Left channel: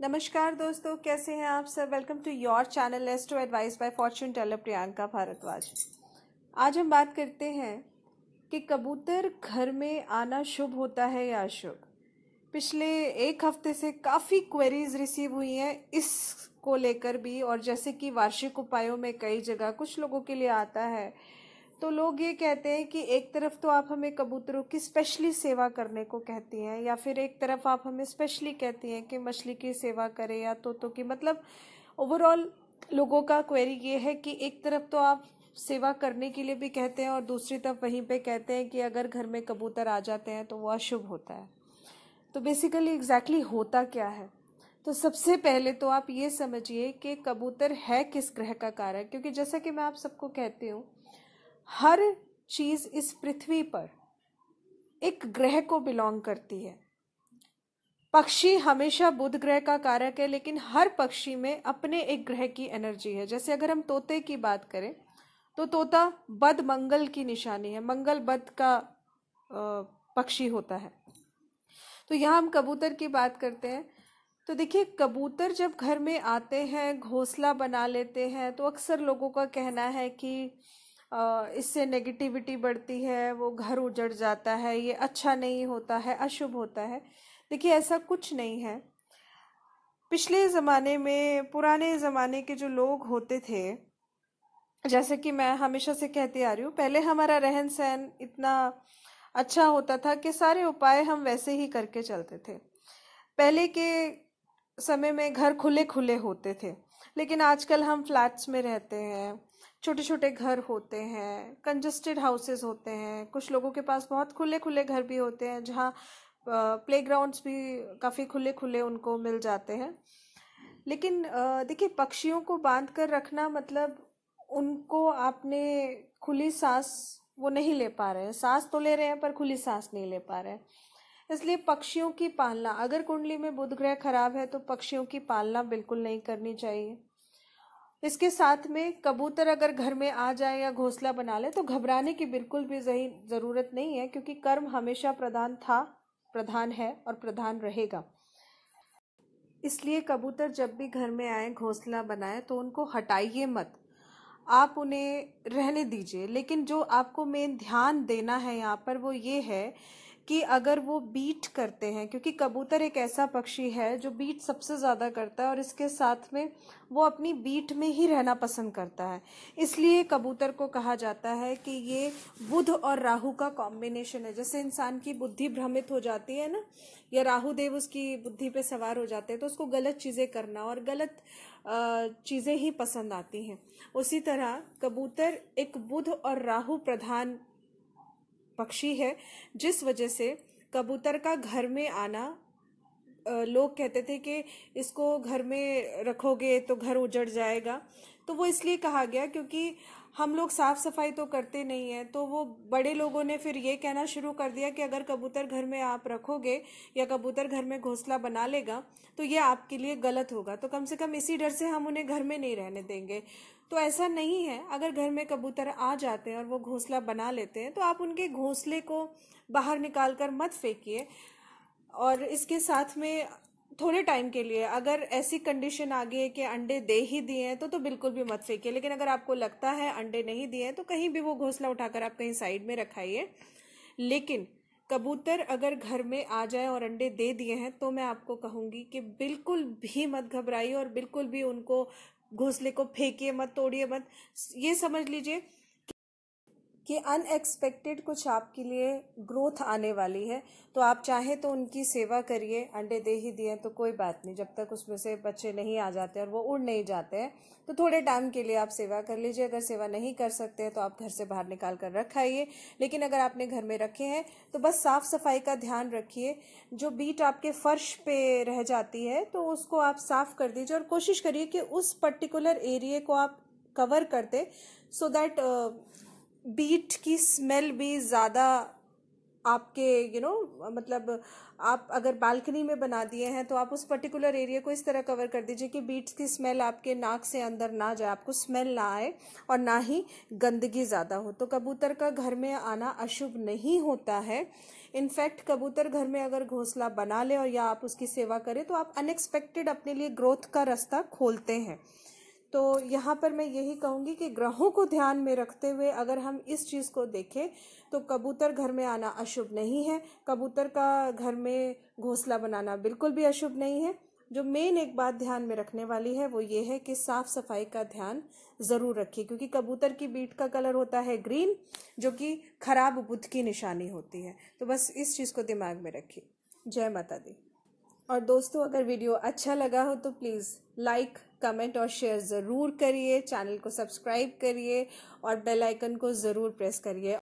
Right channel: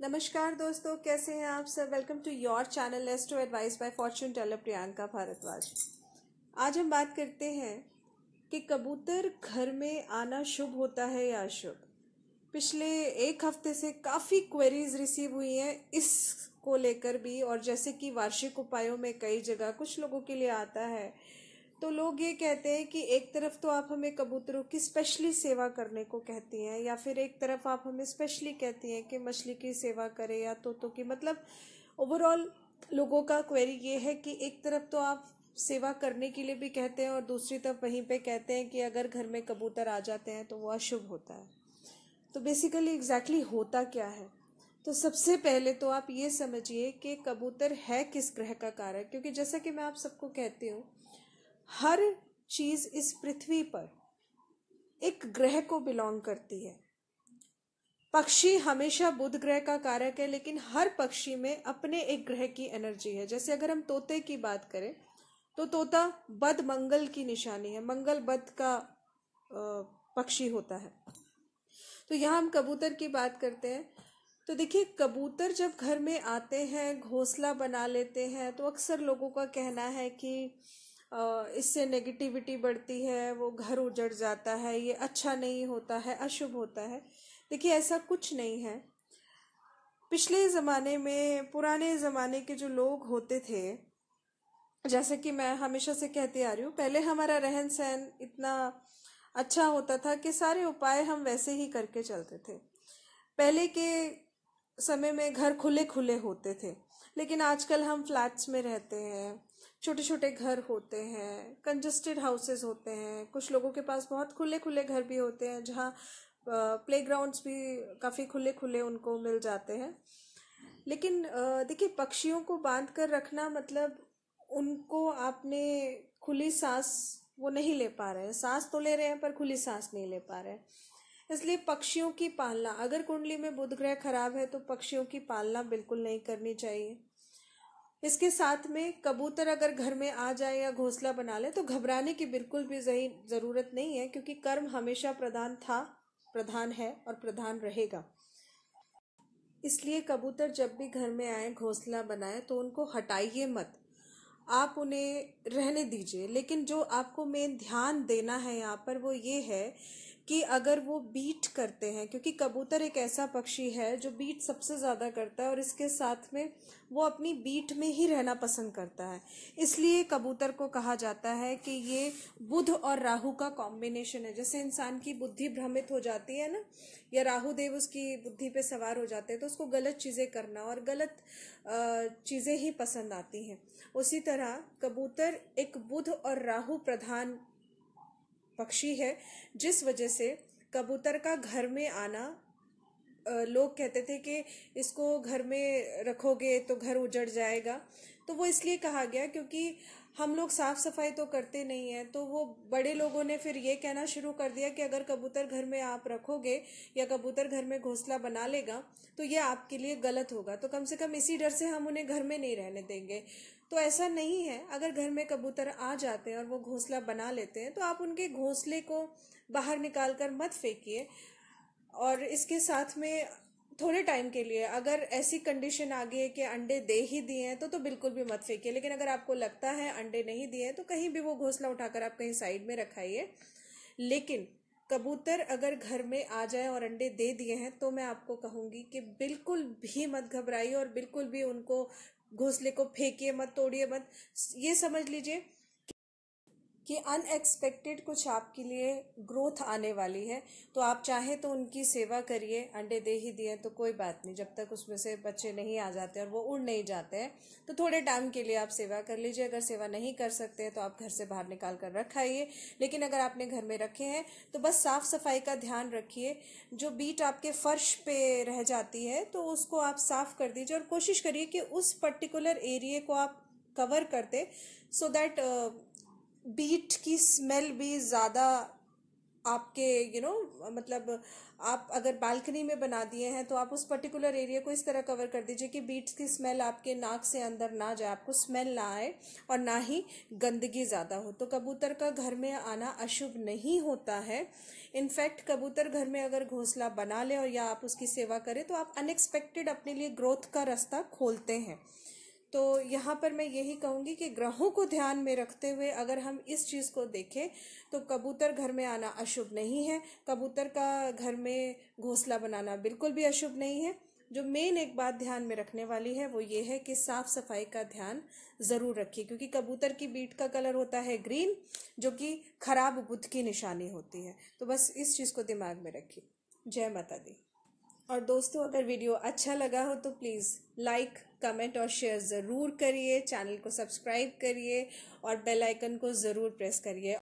नमस्कार दोस्तों, कैसे हैं आप सब। Welcome to your channel astro advice by fortune teller Priyanka Bhardwaj. आज हम बात करते हैं कि कबूतर घर में आना शुभ होता है या अशुभ। पिछले एक हफ्ते से काफ़ी क्वेरीज रिसीव हुई हैं इसको लेकर भी, और जैसे कि वार्षिक उपायों में कई जगह कुछ लोगों के लिए आता है, तो लोग ये कहते हैं कि एक तरफ तो आप हमें कबूतरों की स्पेशली सेवा करने को कहती हैं, या फिर एक तरफ आप हमें स्पेशली कहती हैं कि मछली की सेवा करें या तोतों की। मतलब ओवरऑल लोगों का क्वेरी ये है कि एक तरफ तो आप सेवा करने के लिए भी कहते हैं और दूसरी तरफ वहीं पे कहते हैं कि अगर घर में कबूतर आ जाते हैं तो वो अशुभ होता है। तो बेसिकली एग्जैक्टली होता क्या है? तो सबसे पहले तो आप ये समझिए कि कबूतर है किस ग्रह का कारक, क्योंकि जैसा कि मैं आप सबको कहती हूँ, हर चीज इस पृथ्वी पर एक ग्रह को बिलोंग करती है। पक्षी हमेशा बुध ग्रह का कारक है, लेकिन हर पक्षी में अपने एक ग्रह की एनर्जी है। जैसे अगर हम तोते की बात करें तो तोता बद मंगल की निशानी है, मंगल बद का पक्षी होता है। तो यहाँ हम कबूतर की बात करते हैं तो देखिए, कबूतर जब घर में आते हैं, घोंसला बना लेते हैं, तो अक्सर लोगों का कहना है कि इससे नेगेटिविटी बढ़ती है, वो घर उजड़ जाता है, ये अच्छा नहीं होता है, अशुभ होता है। देखिए, ऐसा कुछ नहीं है। पिछले ज़माने में, पुराने ज़माने के जो लोग होते थे, जैसे कि मैं हमेशा से कहती आ रही हूँ, पहले हमारा रहन सहन इतना अच्छा होता था कि सारे उपाय हम वैसे ही करके चलते थे। पहले के समय में घर खुले खुले होते थे, लेकिन आजकल हम फ्लैट्स में रहते हैं, छोटे छोटे घर होते हैं, कंजस्टेड हाउसेस होते हैं। कुछ लोगों के पास बहुत खुले खुले घर भी होते हैं, जहाँ प्लेग्राउंड्स भी काफ़ी खुले खुले उनको मिल जाते हैं। लेकिन देखिए, पक्षियों को बांध कर रखना मतलब उनको आपने खुली सांस वो नहीं ले पा रहे हैं। सांस तो ले रहे हैं पर खुली सांस नहीं ले पा रहे हैं। इसलिए पक्षियों की पालना, अगर कुंडली में बुध ग्रह खराब है तो पक्षियों की पालना बिल्कुल नहीं करनी चाहिए। इसके साथ में कबूतर अगर घर में आ जाए या घोंसला बना ले तो घबराने की बिल्कुल भी जरूरत नहीं है, क्योंकि कर्म हमेशा प्रधान था, प्रधान है और प्रधान रहेगा। इसलिए कबूतर जब भी घर में आए, घोंसला बनाए, तो उनको हटाइए मत, आप उन्हें रहने दीजिए। लेकिन जो आपको मेन ध्यान देना है यहाँ पर वो ये है कि अगर वो बीट करते हैं, क्योंकि कबूतर एक ऐसा पक्षी है जो बीट सबसे ज्यादा करता है और इसके साथ में वो अपनी बीट में ही रहना पसंद करता है। इसलिए कबूतर को कहा जाता है कि ये बुध और राहु का कॉम्बिनेशन है। जैसे इंसान की बुद्धि भ्रमित हो जाती है ना, या राहु देव उसकी बुद्धि पे सवार हो जाते हैं, तो उसको गलत चीजें करना और गलत चीजें ही पसंद आती हैं। उसी तरह कबूतर एक बुध और राहु प्रधान पक्षी है, जिस वजह से कबूतर का घर में आना, लोग कहते थे कि इसको घर में रखोगे तो घर उजड़ जाएगा। तो वो इसलिए कहा गया क्योंकि हम लोग साफ सफाई तो करते नहीं है। तो वो बड़े लोगों ने फिर ये कहना शुरू कर दिया कि अगर कबूतर घर में आप रखोगे या कबूतर घर में घोंसला बना लेगा तो ये आपके लिए गलत होगा, तो कम से कम इसी डर से हम उन्हें घर में नहीं रहने देंगे। तो ऐसा नहीं है। अगर घर में कबूतर आ जाते हैं और वो घोंसला बना लेते हैं तो आप उनके घोंसले को बाहर निकाल कर मत फेंकिए। और इसके साथ में थोड़े टाइम के लिए अगर ऐसी कंडीशन आ गई है कि अंडे दे ही दिए हैं तो बिल्कुल भी मत फेंकिए। लेकिन अगर आपको लगता है अंडे नहीं दिए हैं तो कहीं भी वो घोंसला उठाकर आप कहीं साइड में रखाइए। लेकिन कबूतर अगर घर में आ जाए और अंडे दे दिए हैं तो मैं आपको कहूंगी कि बिल्कुल भी मत घबराइए और बिल्कुल भी उनको घोंसले को फेंकिए मत, तोड़िए मत। ये समझ लीजिए कि अनएक्सपेक्टेड कुछ आपके लिए ग्रोथ आने वाली है। तो आप चाहें तो उनकी सेवा करिए। अंडे दे ही दिए तो कोई बात नहीं, जब तक उसमें से बच्चे नहीं आ जाते और वो उड़ नहीं जाते हैं तो थोड़े टाइम के लिए आप सेवा कर लीजिए। अगर सेवा नहीं कर सकते हैं तो आप घर से बाहर निकाल कर रखाइए। लेकिन अगर आपने घर में रखे हैं तो बस साफ सफाई का ध्यान रखिए। जो बीट आपके फर्श पे रह जाती है तो उसको आप साफ कर दीजिए और कोशिश करिए कि उस पर्टिकुलर एरिया को आप कवर कर दे, सो दैट बीट की स्मेल भी ज़्यादा आपके मतलब आप अगर बालकनी में बना दिए हैं तो आप उस पर्टिकुलर एरिया को इस तरह कवर कर दीजिए कि बीट्स की स्मेल आपके नाक से अंदर ना जाए, आपको स्मेल ना आए और ना ही गंदगी ज़्यादा हो। तो कबूतर का घर में आना अशुभ नहीं होता है। इनफैक्ट कबूतर घर में अगर घोंसला बना ले और या आप उसकी सेवा करें तो आप अनएक्सपेक्टेड अपने लिए ग्रोथ का रास्ता खोलते हैं। तो यहाँ पर मैं यही कहूँगी कि ग्रहों को ध्यान में रखते हुए अगर हम इस चीज़ को देखें तो कबूतर घर में आना अशुभ नहीं है। कबूतर का घर में घोंसला बनाना बिल्कुल भी अशुभ नहीं है। जो मेन एक बात ध्यान में रखने वाली है वो ये है कि साफ सफाई का ध्यान जरूर रखिए, क्योंकि कबूतर की बीट का कलर होता है ग्रीन, जो कि खराब बुद्ध की निशानी होती है। तो बस इस चीज़ को दिमाग में रखिए। जय माता दी। और दोस्तों, अगर वीडियो अच्छा लगा हो तो प्लीज़ लाइक, कमेंट और शेयर ज़रूर करिए, चैनल को सब्सक्राइब करिए और बेल आइकन को ज़रूर प्रेस करिए।